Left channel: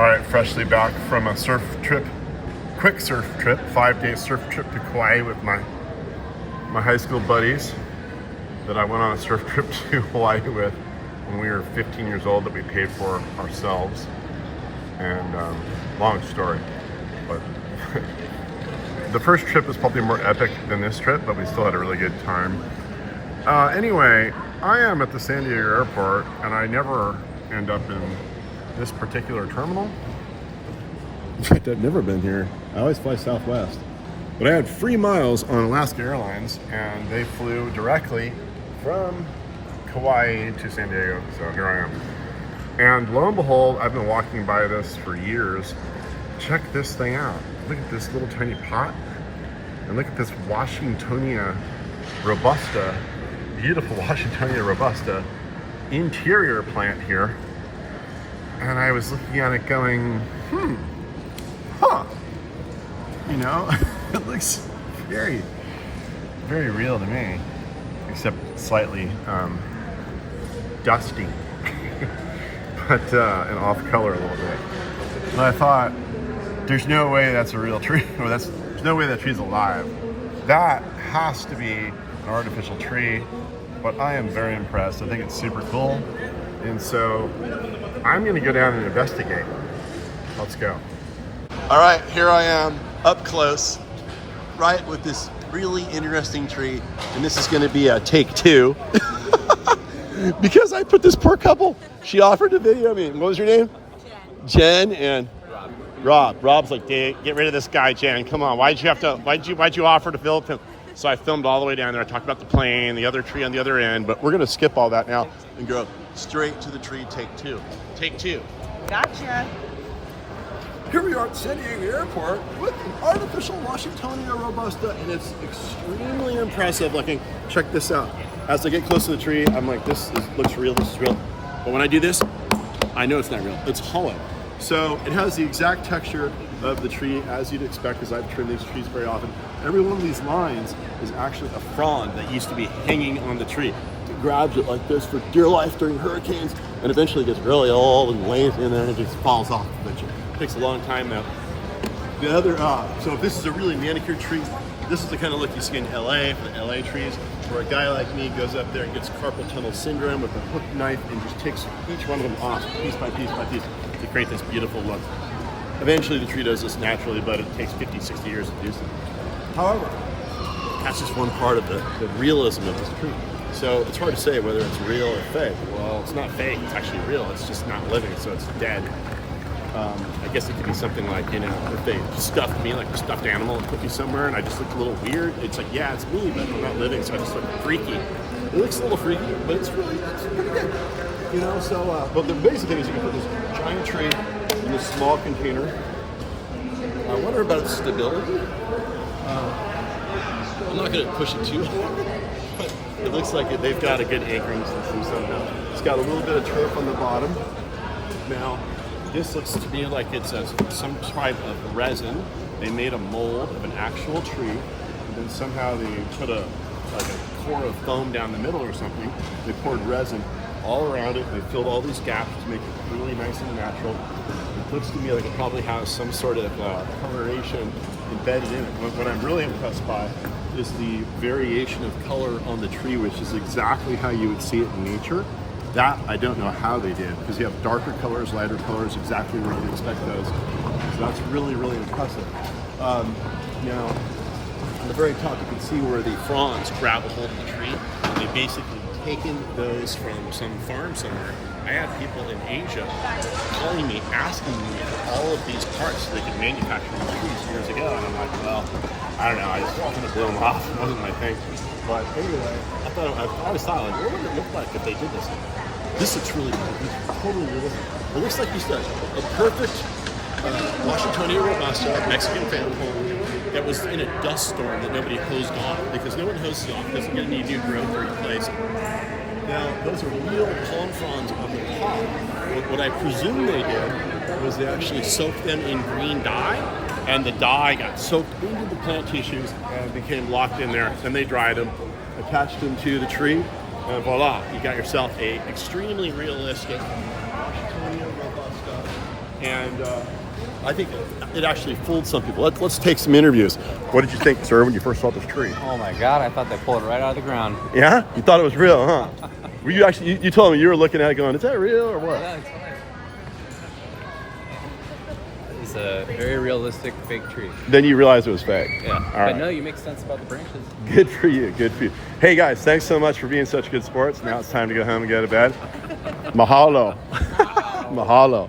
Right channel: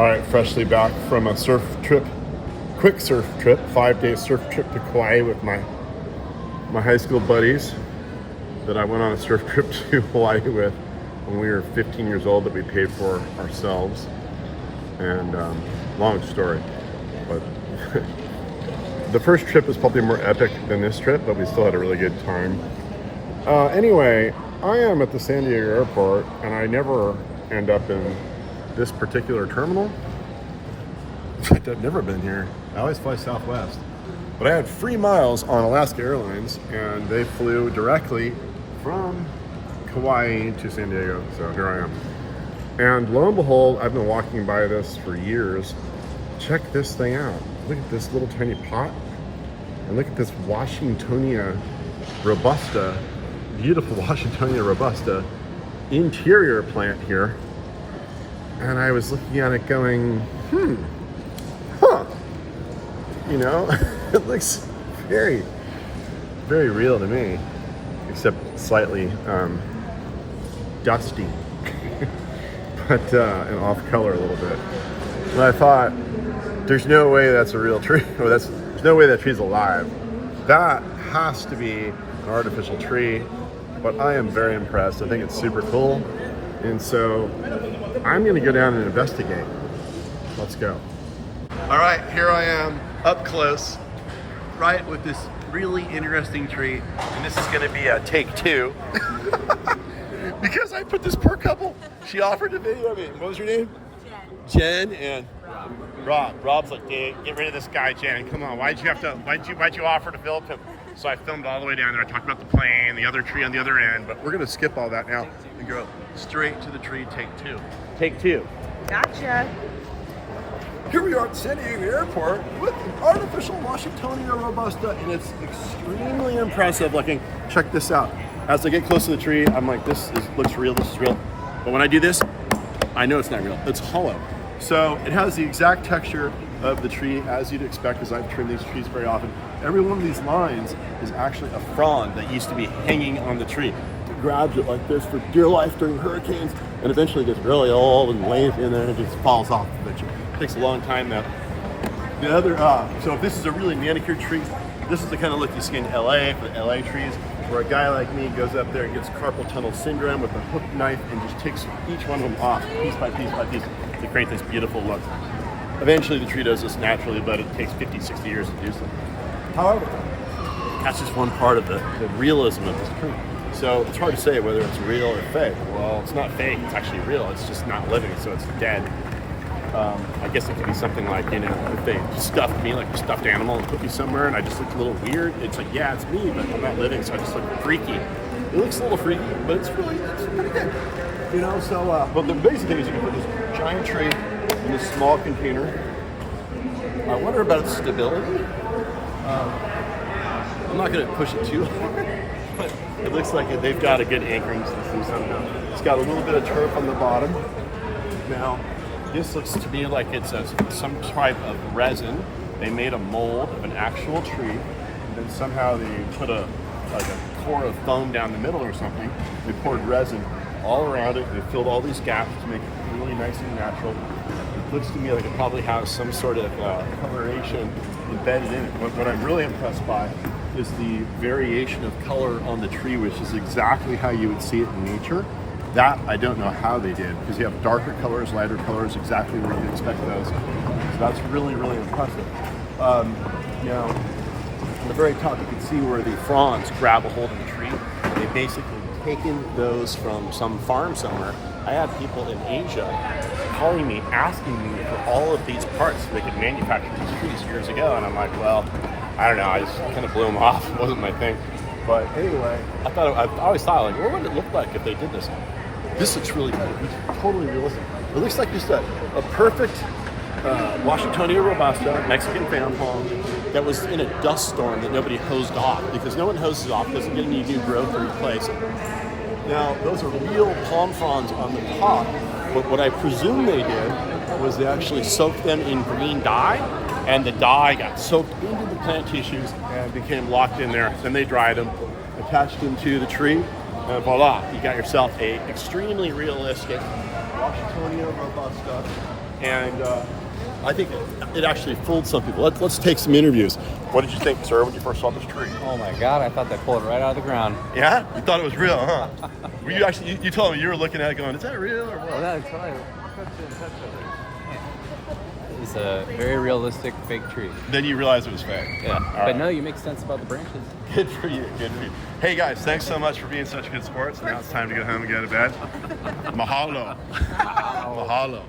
All right, freshly back from a surf trip, quick surf trip, 5-day surf trip to Kauai with my high school buddies that I went on a surf trip to Hawaii with when we were 15 years old that we paid for ourselves. And long story, but the first trip was probably more epic than this trip, but we still had a really good time. Anyway, I am at the San Diego airport and I never end up in this particular terminal. In fact, I've never been here. I always fly Southwest. But I had free miles on Alaska Airlines and they flew directly from Kauai to San Diego. So here I am. And lo and behold, I've been walking by this for years. Check this thing out. Look at this little tiny pot. And look at this Washingtonia robusta, beautiful Washingtonia robusta interior plant here. And I was looking at it going, you know, it looks very, very real to me, except slightly dusty, but and off color a little bit. And I thought, there's no way that's a real tree. There's no way that tree's alive. That has to be an artificial tree, but I am very impressed. I think it's super cool. And so I'm gonna go down and investigate. Let's go. All right, here I am up close, right with this really interesting tree. And this is gonna be a take two. Because I put this poor couple, she offered to video me. What was your name? Jen and Rob. Rob's like, get rid of this guy, Jen, and come on. Why'd you offer to film him? So I filmed all the way down there. I talked about the plane, the other tree on the other end, but we're gonna skip all that now and go straight to the tree, take two. Take two. Gotcha. Here we are at San Diego Airport with an artificial Washingtonia robusta, and it's extremely impressive looking. Check this out. As I get close to the tree, I'm like, looks real, this is real. But when I do this, I know it's not real, it's hollow. So it has the exact texture of the tree as you'd expect, because I've trimmed these trees very often. Every one of these lines is actually a frond that used to be hanging on the tree. It grabs it like this for dear life during hurricanes, and eventually gets really old and lays in there and it just falls off eventually. It takes a long time though. The other, so if this is a really manicured tree, this is the kind of look you see in LA for the LA trees, where a guy like me goes up there and gets carpal tunnel syndrome with a hook knife and just takes each one of them off piece by piece by piece to create this beautiful look. Eventually the tree does this naturally, but it takes 50, 60 years to do so. However, that's just one part of the realism of this tree. So it's hard to say whether it's real or fake. Well, it's not fake, it's actually real. It's just not living, so it's dead. I guess it could be something like, you know, if they stuffed me like a stuffed animal and put me somewhere and I just looked a little weird, it's like, yeah, it's me, but I'm not living, so I just look freaky. It looks a little freaky, but it's pretty good. You know, so, but the basic thing is you can put this giant tree in this small container. I wonder about its stability. I'm not going to push it too hard, but it looks like they've got a good anchoring system somehow. It's got a little bit of turf on the bottom. Now, this looks to me like it's some type of resin. They made a mold of an actual tree, and then somehow they put a core of foam down the middle or something. They poured resin all around it. They filled all these gaps to make it really nice and natural. It looks to me like it probably has some sort of coloration embedded in it. What I'm really impressed by is the variation of color on the tree, which is exactly how you would see it in nature. That I don't know how they did, because you have darker colors, lighter colors, exactly where you'd expect those. So that's really, really impressive. Now, on the very top, you can see where the fronds grab a hold of the tree. And they basically taken those from some farm somewhere. I had people in Asia calling me, asking me for all of these parts so they could manufacture these trees years ago, and I'm like, well, I don't know, I just kind of blew them off. It wasn't my thing. But anyway, I always thought, like, what would it look like if they did this? This looks really good. It's totally realistic. It looks like just a perfect Washingtonia robusta, Mexican fan palm, that was in a dust storm that nobody hosed off, because no one hoses off, doesn't get any new growth to replace it. Now, those are real palm fronds on the top, but what I presume they did was they actually soaked them in green dye, and the dye got soaked into the plant tissues and became locked in there. Then they dried them, attached them to the tree, and voila, you got yourself a extremely realistic Washingtonia robusta And I think it actually fooled some people. Let's take some interviews. What did you think, sir, when you first saw this tree? Oh my God, I thought they pulled it right out of the ground. Yeah? You thought it was real, huh? Were you actually, you told me you were looking at it going, is that real or what? Yeah, it's fine. It's a very realistic fake tree. Then you realized it was fake. Yeah. All But right. no, you make sense about the branches. Good for you, good for you. Hey guys, thanks so much for being such good sports. Now it's time to go home and go to bed. Mahalo. Mahalo.